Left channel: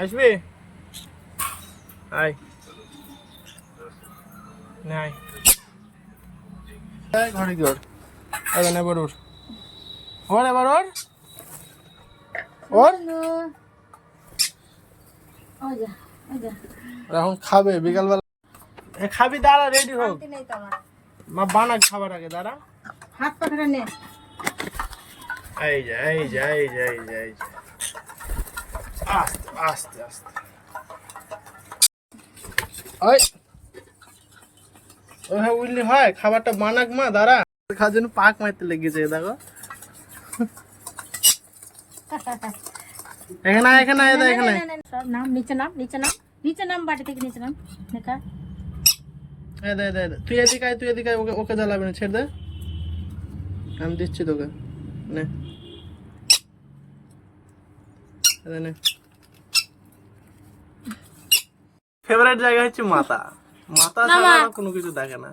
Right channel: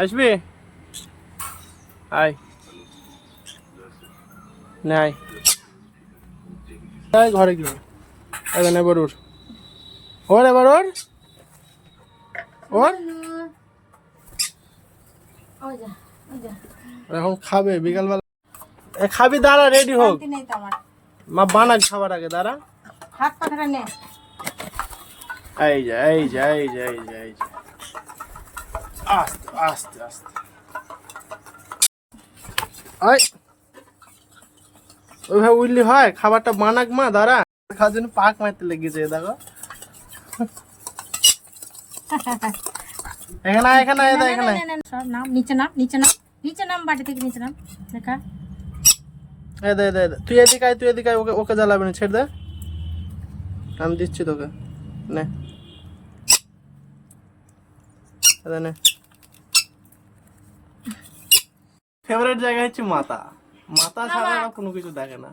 আসবি আয় নাই ঘরে কি ওর এবার এবার ওর ওর এবার ওর ওর এখন খাবে বিকালবেলা খাবি দাঁড়া রেডি হোক মা বানাক খাবার আগে দাঁড়া হাত পাখা নে এই যা এই যা এই যা এই যা এই যা আস্তে আস্তে আস্তে ওই ওইভাবে উঠলি হয় খাবারটা বানাক মা দাঁড়া খাওয়ার জন্য পাক মারতে লেগেছে দেখো এখানে এখানে এখানে সব নাম নিচে নাম নিচে নাম নিচে নাম বাটি থেকে নিচে নাম দেখা এই দে দে তুই এদিকে আয় তুই এদিকে আয় ওকে ওকে জ্বালাবি না ছেড়ে দে আমি দিচ্ছি তোকে নে নে ফেভারিট জায়গা হচ্ছে মাথা মাথা ছাড়া আর কোনো কিছু দেখে না